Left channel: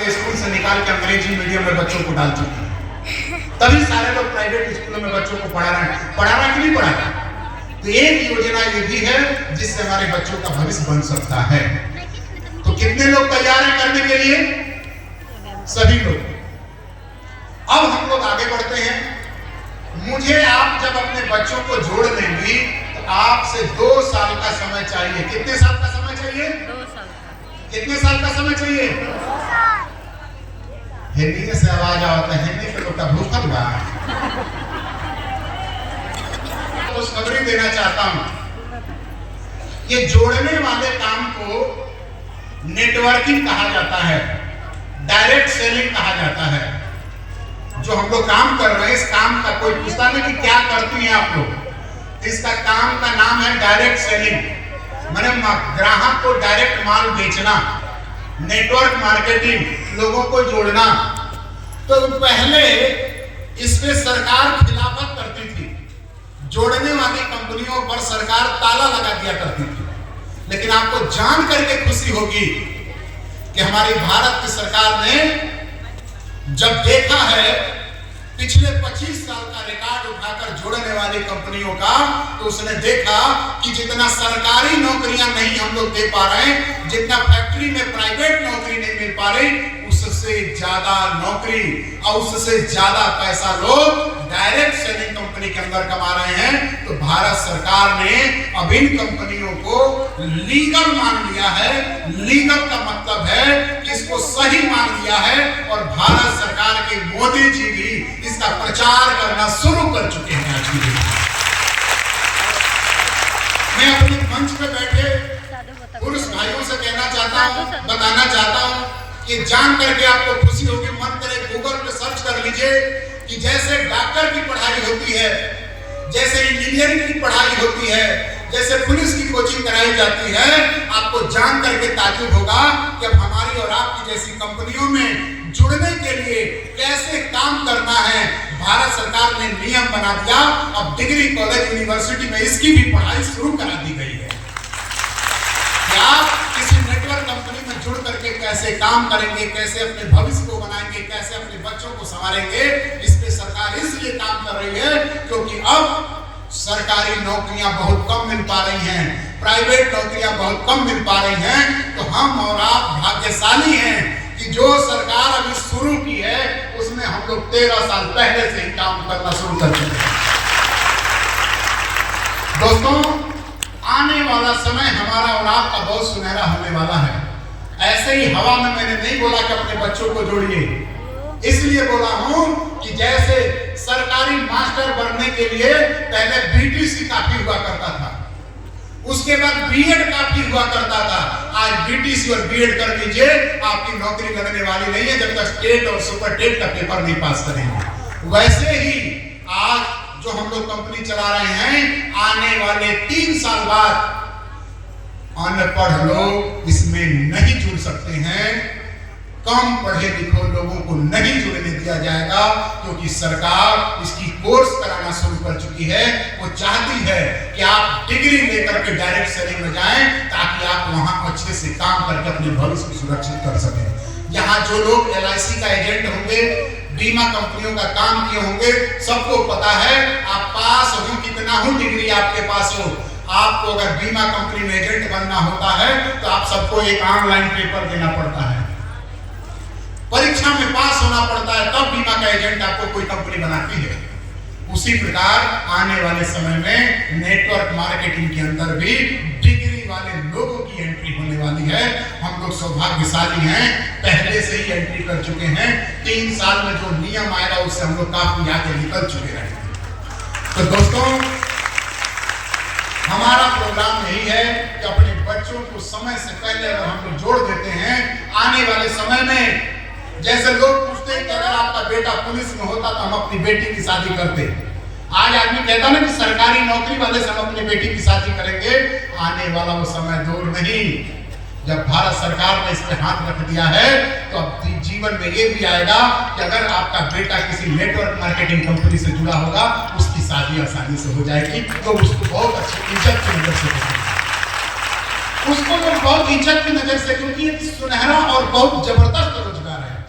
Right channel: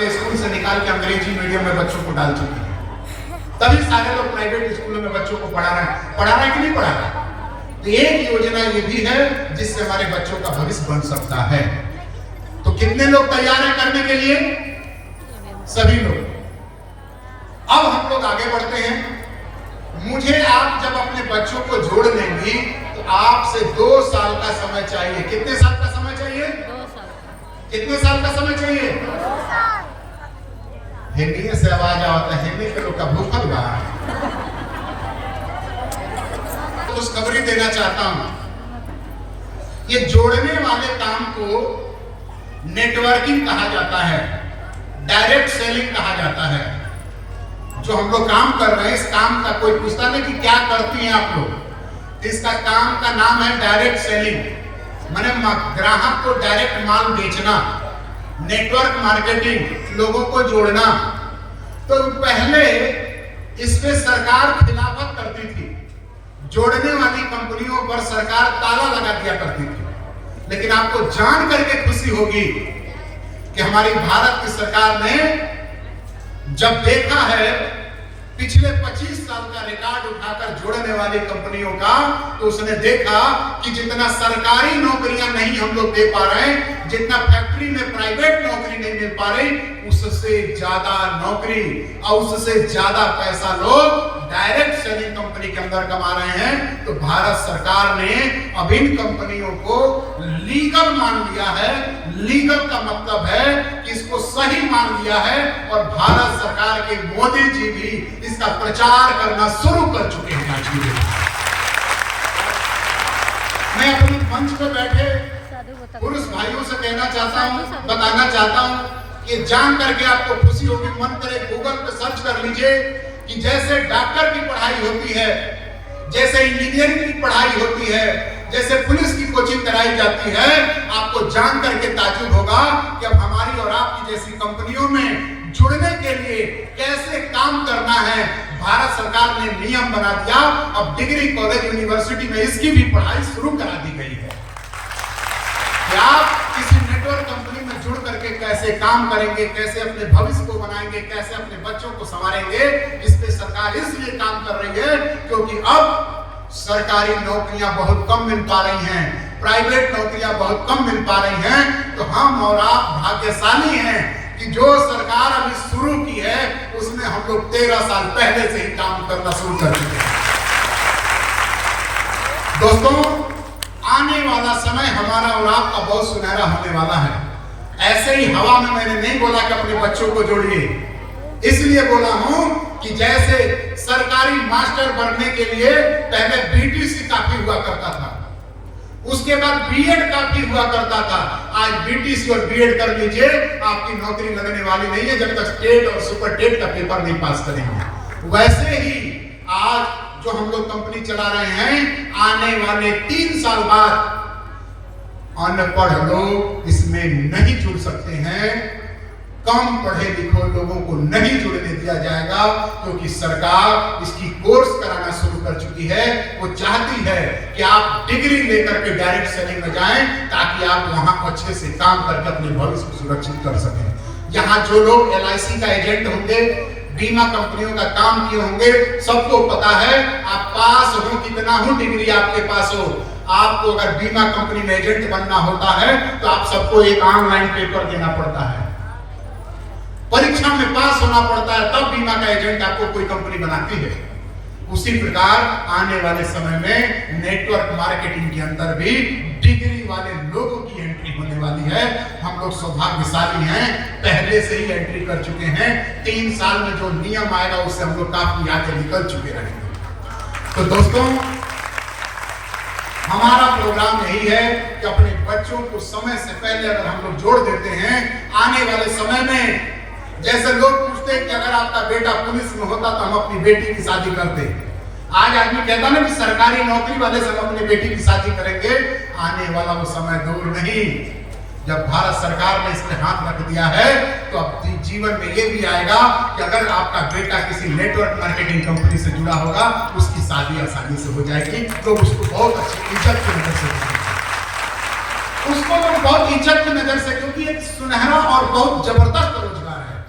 School से निकाल के अंग्रेजी मीडियम में बच्चों को डाल चुकी है। तभी सारे लोग प्राइवेट स्कूलों में बच्चों को पढ़ा रहे हैं कि नहीं पढ़ा रहे। तो एक योजना ये भी है जिससे हमारे बच्चों का भविष्य बन सकता है। तो कितने लोग तैयार हैं करने के लिए? सभी लोग। अब हम लोग आगे बढ़ते हैं। मुझे आप जब अपने बच्चों को जोड़ लेंगी तो आपसे 2 साल का समय चाहिए। कितने साल का समय चाहिए? 2 साल का। कितने साल का समय चाहिए? 2 साल। हिंदी में से आवाज आता है, हिंदी पे लोग का भूखल बा। खुशखबरी देना चाहता हूं। ये जोड़ने वाले काम को नेटवर्किंग कहा जाता है, डायरेक्ट सेलिंग कहा जाता है। जो हम लोग काम कर रहे हैं, इस काम का कोई पूछता नहीं कि क्या करती हैं आप लोग। इसका काम का नाम है डायरेक्ट सेलिंग, माने ग्राहक को डायरेक्ट माल बेचना, नेटवर्क मार्केटिंग, लोगों को जोड़ना। तो पहले इसमें सरकार खिलाफत करती थी, जोड़ने वाली कंपनियों पर सरकार ताला लगा दिया करती थी। लेकिन आपको जान करके खुशी होगी कि हमारी भारत की सरकार ने जब देखा है पिछले 25 साल का रिकॉर्ड उठाकर जोड़ने वाली कंपनियों का, तो उसने देखा कि जितना सरकारी नौकरियां नहीं हम लोग दे पा रहे हैं, जितना फैक्ट्री में प्राइवेट नौकरी नहीं मिल पा रही, उससे ज्यादा नौकरी और उससे ज्यादा पैसा लोग डायरेक्ट सेलिंग कंपनी के अंदर कमा रहे हैं। तो भारत सरकार ने अब इन कंपनियों को लीगल मान लिया है। लीगल का मतलब है कि इसको सही मान लिया है और भारत सरकार के मोदी जी भी इसका प्रचार करना शुरू कर चुके हैं। आज भी मैं अपने मंच पे बैठे पुरुष भाइयों से कहना चाहता हूँ, बताना चाहता हूँ कि जान करके आपको खुशी होगी। मन करे गूगल पे सर्च कर लीजिए कि जैसे डॉक्टर की पढ़ाई होती है, जैसे इंजीनियरिंग की पढ़ाई होती है, जैसे पुलिस की कोचिंग कराई जाती है, आपको जान करके ताज्जुब होगा कि अब हमारी और आपकी जैसी कंपनियों में जुड़ने के लिए कैसे काम करना है। भारत सरकार ने नियम बना दिया। अब डिग्री कॉलेज यूनिवर्सिटी में इसकी भी पढ़ाई शुरू करा दी गई है कि आप किसी नेटवर्क कंपनी में जुड़ करके कैसे काम करेंगे, कैसे अपने भविष्य को बनाएंगे, कैसे अपने बच्चों को संवारेंगे। इस पे सरकार इसलिए काम कर रही है क्योंकि अब सरकारी नौकरियां बहुत कम मिल पा रही हैं, प्राइवेट नौकरियां बहुत कम मिल पा रही हैं। तो हम और आप भाग्यशाली हैं कि जो सरकार अभी शुरू की है उसमें हम लोग 13 साल पहले से ही काम करना शुरू कर चुके हैं। दोस्तों, आने वाला समय हमारा और आपका बहुत सुनहरा होने वाला है। ऐसे ही हवा में मैंने नहीं बोला कि अपने बच्चों को जोड़िए, इसलिए बोला हूं कि जैसे सरकारी मास्टर बनने के लिए पहले बीटीसी काफी हुआ करता था, उसके बाद बीएड काफी हुआ करता था। आज बीटीसी और बीएड कर लीजिए, आपकी नौकरी लगने वाली नहीं है जब तक स्टेट और सुपर टेट का पेपर नहीं पास करेंगे। वैसे ही आज जो हम लोग कंपनी चला रहे हैं, आने वाले 3 साल बाद अनपढ़ लोग इसमें नहीं जुड़ सकते हैं। कम पढ़े लिखे लोगों को नहीं जुड़ने दिया जाएगा क्योंकि सरकार इसकी कोर्स कराना शुरू कर चुकी है। वो चाहती है कि आप डिग्री लेकर के डायरेक्ट सेलिंग में जाएं ताकि आप वहां अच्छे से काम करके अपने भविष्य को सुरक्षित कर सकें। यहाँ जो लोग LIC का एजेंट होंगे, बीमा कंपनियों का काम किए होंगे, सबको पता है आप पास हो कितना हो, डिग्री आपके पास हो, आपको अगर बीमा कंपनी में एजेंट बनना होता है तो आप सबको एक ऑनलाइन पेपर देना पड़ता है, परीक्षा में पास होना पड़ता है, तब बीमा का एजेंट आपको कोई कंपनी बनाती है। उसी प्रकार आने वाले समय में नेटवर्क मार्केटिंग के अंदर भी डिग्री वाले लोगों की एंट्री होने वाली है। हम लोग सौभाग्यशाली हैं, पहले से ही एंट्री कर चुके हैं। 3 साल में जो नियम आएगा उससे हम लोग काफी आगे निकल चुके रहेंगे। तो दोस्तों, हमारा प्रोग्राम यही है कि अपने बच्चों को समय से पहले अगर हम लोग जोड़ देते हैं, आने वाले समय में जैसे लोग पूछते हैं कि अगर आपका बेटा पुलिस में होता तो हम अपनी बेटी की शादी करते। आज आदमी कहता ना कि सरकारी नौकरी वाले से हम अपनी बेटी की शादी करेंगे। आने वाला वो समय दूर नहीं जब भारत सरकार ने इस पे हाथ रख दिया है तो अब जीवन में ये भी आएगा कि अगर आपका बेटा किसी नेटवर्क मार्केटिंग कंपनी से जुड़ा होगा, उसकी शादी आसानी से हो जाएगी। तो उसको बहुत अच्छी इज्जत की नजर से उसको तो बहुत इज्जत की नजर से, क्योंकि एक सुनहरा और बहुत जबरदस्त रोजगार है।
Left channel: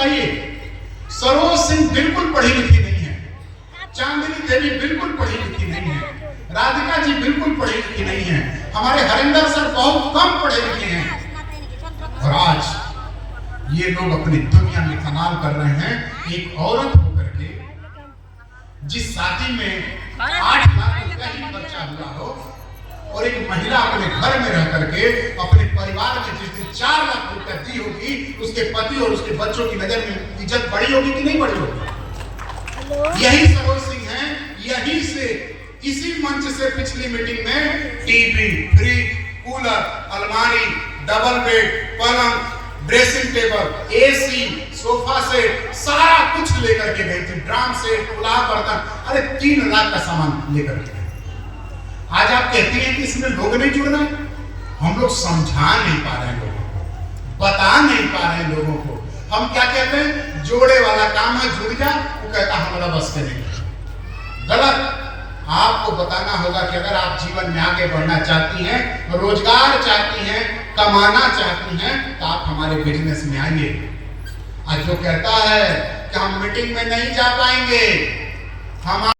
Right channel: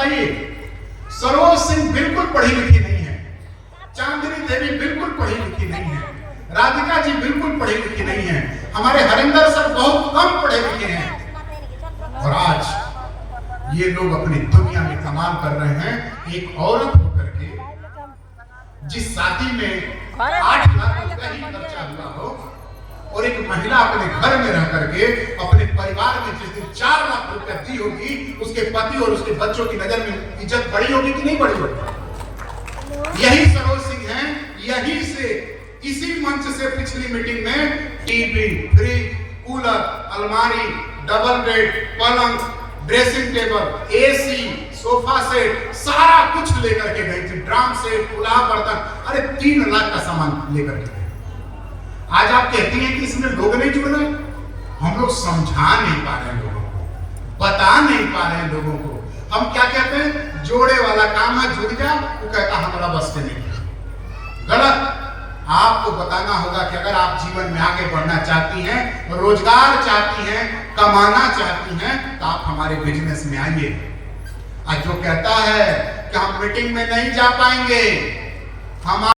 बताइए, सरोज सिंह बिल्कुल पढ़ी लिखी नहीं है, चांदनी देवी बिल्कुल पढ़ी लिखी नहीं है, राधिका जी बिल्कुल पढ़ी लिखी नहीं है, हमारे हरिंदर सर बहुत कम पढ़े लिखे हैं, और आज ये लोग अपनी दुनिया में कमाल कर रहे हैं। एक औरत होकर के जिस शादी में 8 लाख रुपए ही खर्चा हुआ हो, और एक महिला अपने घर में रह करके अपने परिवार में जिस दिन 4 लाख रुपए दी होगी, उसके पति और उसके बच्चों की नजर में इज्जत बढ़ी होगी कि नहीं बढ़ी होगी? यही सरोज सिंह हैं। यही से, इसी मंच से पिछली मीटिंग में टीवी, फ्रिज, कूलर, अलमारी, डबल बेड, पलंग, dressing table, AC, sofa set, सारा कुछ लेकर के गई थी, ड्राम सेट, पुलाव बर्तन, अरे 3 लाख का सामान लेकर के गई। आज आप कहती हैं कि इसमें लोग नहीं जुड़ रहे, हम लोग समझा नहीं पा रहे हैं लोगों को, बता नहीं पा रहे हैं लोगों को। हम क्या कहते हैं, जोड़े वाला काम है, जुड़ जा, वो कहता हमारा बस के नहीं। गलत। आपको बताना होगा कि अगर आप जीवन में आगे बढ़ना चाहती हैं, रोजगार चाहती हैं, कमाना चाहती हैं, तो आप हमारे बिजनेस में आइए। आज जो कहता है कि हम मीटिंग में नहीं जा पाएंगे, हम